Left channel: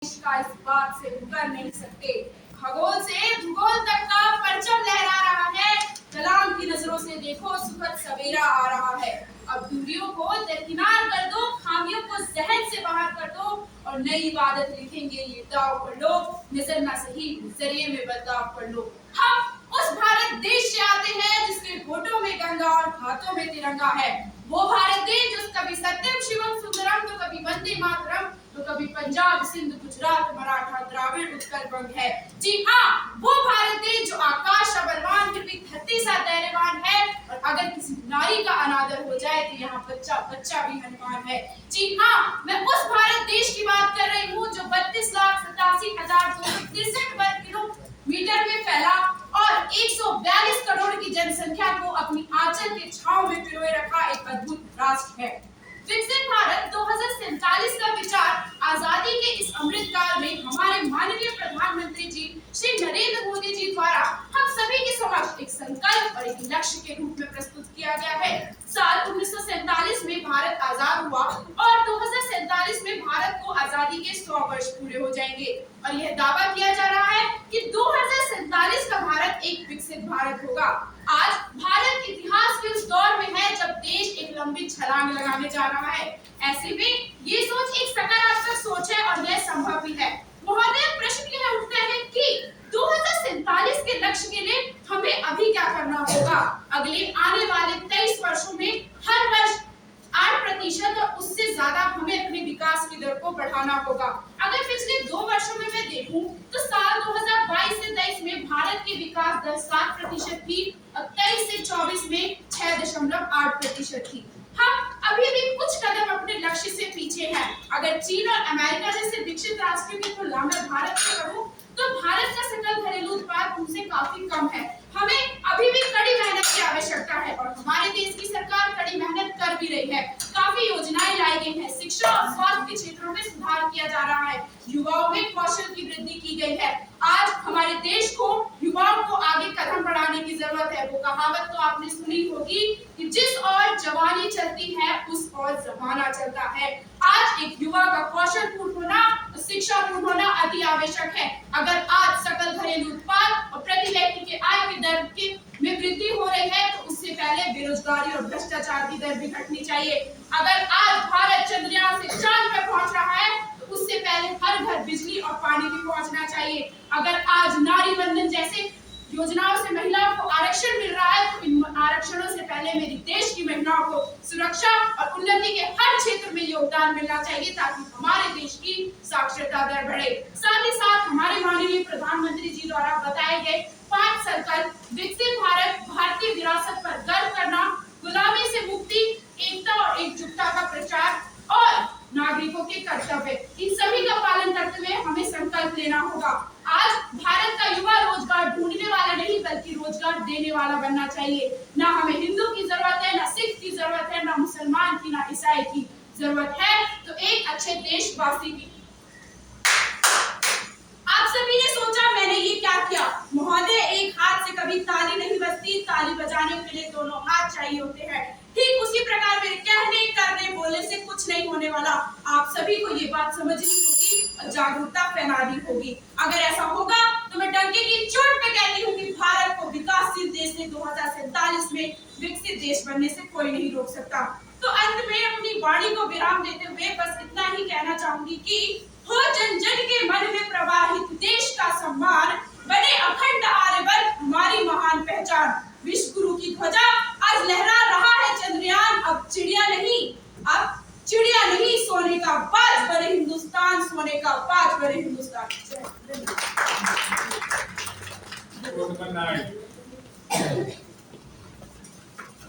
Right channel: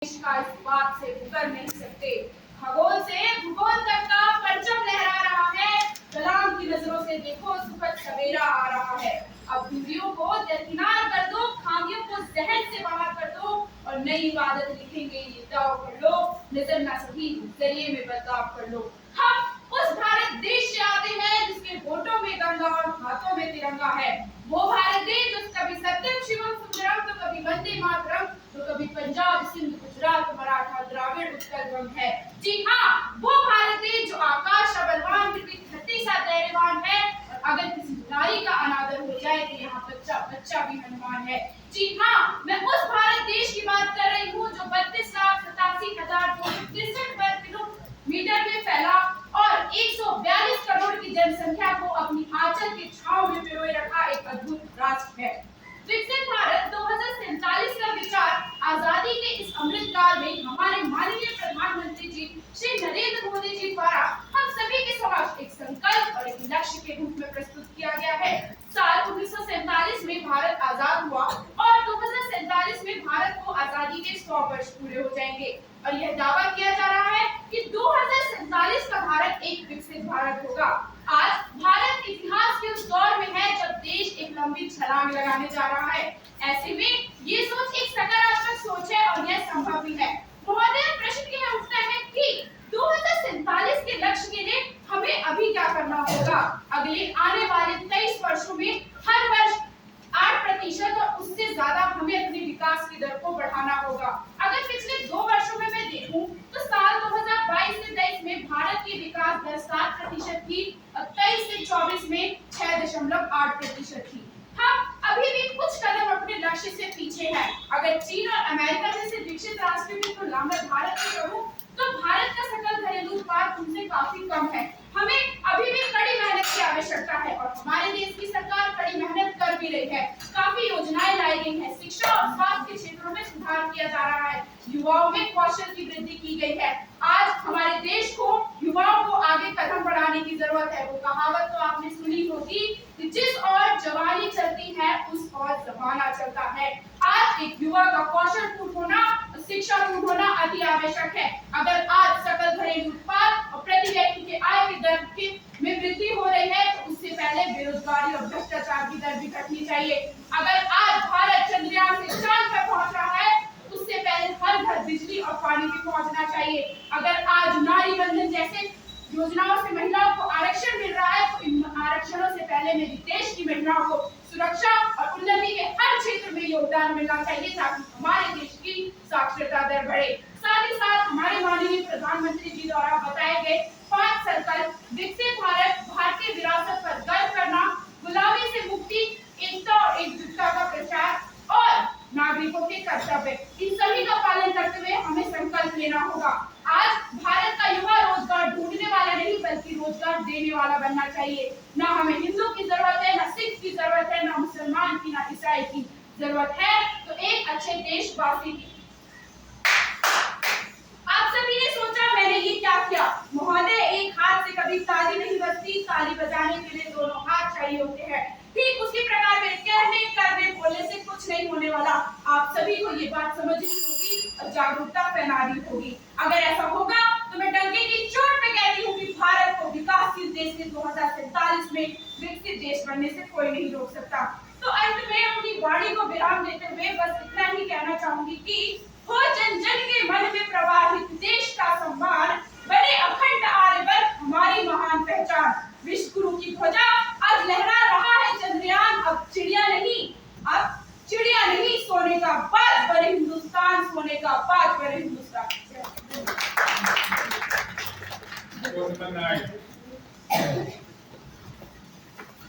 का इस बात से मुकर नहीं सकते। खगोल से भूगोल तक का परचम लहरा रहा है। कलाम की नजरों से देखो सुखद सवेरा आ रहा है। अब दूरियों को दरकिनार कर दो, खामियों को जहन से बाहर कर दो और नई इबादत लिखेंगे ये दाव कर लो। नजर ना सही जरिए में बदलाव कर लो। हम उस भारत देश से आते हैं जिसके होठों में गंगा और हाथों में तिरंगा है। वो भारत देश जो कभी सत्यम शिवम सुंदरम तो कभी वंदे मातरम तो कभी पंजाब सिंध गुजरात मराठा द्राविड़ उत्कल बंग है। जी हाँ, वो भारत देश जो आकाश का बलवान फिर भी धरती सा धैर्यवान है और अगर किसी नारी का अनादर हो जाए तो यहाँ बच्चा बच्चा भी हनुमान है। जी हाँ, मैं उस भारत देश की बात कर रही हूँ जो 32,87,263 वर्ग किलोमीटर में फैला और 142 करोड़ की जनसंख्या को अपनी आंचल के छांव में पिरोए रखा एक अद्भुत राष्ट्र है। विकसित भारत 2047 का विचार आजादी के इस अमृत काल में हमारे माननीय प्रधानमंत्री जी श्री नरेंद्र मोदी जी द्वारा हम सभी के समक्ष एक संकल्प और एक लक्ष्य के रूप में प्रस्तुत किया गया है। साल 1947 में भारत आजाद हुआ और 2047 में भारत को आजादी के 100 वर्ष पूरे हो जाएंगे और यह दावा किया जा रहा है कि 2047 का भारत एक विकसित भारत होगा। आज भारत इतिहास के उस दौर में है जब देश एक लंबी छलांग लगाने जा रहा है। ऐसे में ये सोच एक सकारात्मक सोच है और यह संभव भी है। महोदय, प्रश्न यह उठता है कि 2047 के लक्ष्य के लिए हमें अभी क्या करना होगा? अगले आने वाले 23 वर्षों में हर वर्ष 8% और उससे ज्यादा हमें अपने विकास की दर को बढ़ाना होगा। अगर पिछले 2 वर्षों में मैं देखूं तो साल 2022 से 23 में भारत की विकास दर 7% थी और 23 से 24 में 6.8% थी। हम अभी भी कुछ कदम अपने लक्ष्य से पीछे हैं। अगर चीन और अमेरिका जैसे विकसित राष्ट्रों की तुलना में भारत की करूं तो भारत का सकल घरेलू उत्पाद उनसे काफी कम है। हमें अभी भी कड़ी मेहनत की आवश्यकता है और हमारे देश की सरकार कड़ी मेहनत कर भी रही है। काफी योजनाएं लाई गई हैं। शिक्षा और स्वास्थ्य के क्षेत्रों में सुधार किया जा रहा है। युवाओं में कौशल की वृद्धि की गई है। आज हमारे देश को युवाओं को आगे कदम बढ़ाने की जरूरत है। वो कहावत तो आपने सुनी होगी कि जिस ओर जवानी चलती है उस ओर जमाना चलता है। आज एक युवा का कौशल पूर्ण होना, शिक्षा पूर्ण होना अति आवश्यक है। अगर आज सकल घरेलू उत्पाद और प्रति व्यक्ति के आय की दर में वृद्धि हो रही है तो उससे पहले बेरोजगारी और भ्रष्टाचार की दर भी घटनी चाहिए। अगर आज भारत चंद्रयान से चांद पर पहुंच रहा है तो उससे पहले हर घर बिजली और पानी भी पहुंचना चाहिए। अगर आज नारी बंधन जैसे योजनाओं से महिलाओं को आरक्षण मिल रहा है तो इन आरक्षणों से पहले मेरे देश की महिलाओं को सुरक्षा और उन्नति के हर क्षेत्र में योगदान मिलना चाहिए ताकि हमारे देश की साक्षरता दर बढ़े। साथ ही साथ हमारे माननीय प्रधानमंत्री जी द्वारा बताए गए 5 संकल्प विकसित भारत, भारतीय विरासत पर गर्व करना, गुलामी से मुक्ति, एकता और एकजुटता का प्रचार और नागरिकों के कर्तव्य, इन सभी का पालन करते हुए हमें संकल्प लेना होगा। आज भारत का युवा रोजगार ढूंढने वाला नहीं बल्कि रोजगार देने वाला बनना चाहिए। ना हमें हिंदू की जरूरत है, ना सिख की जरूरत है, ना मुसलमान की, ना ईसाई की जरूरत है, तो एक अच्छे देशवासी की। आप सभी ने सोचा मैंने ये क्या किया? महोदय, एक हाथ से कभी ताली नहीं बजती, ताली बजाने के लिए दोनों हाथ चाहिए होते हैं। ठीक उसी प्रकार मेरे कहने, करने, बोलने से कुछ नहीं होने वाला। आप सभी को ये बात समझनी होगी और जागरूकता फैलानी होगी। अगर ऐसा होगा तो मैं डंके की चोट पे कहती हूँ कि भारत को विकासशील देश से 2047 में विकसित देश बनने से कोई नहीं रोक सकता। तो अंत में अपनी वाणी को विराम देते हुए बस इतना ही कहना चाहूंगी कि हो जन जन के मन में प्रवाहित देश का सम्मान, बने अखंड आर्यवर्त हमारी महान पहचान। विश्व गुरु की ध्वजा आज लहरा रहा है चंद्रयान। अब चिड़िया नहीं सोने का बाज बने हिंदुस्तान, सोने का बाज बने हिंदुस्तान।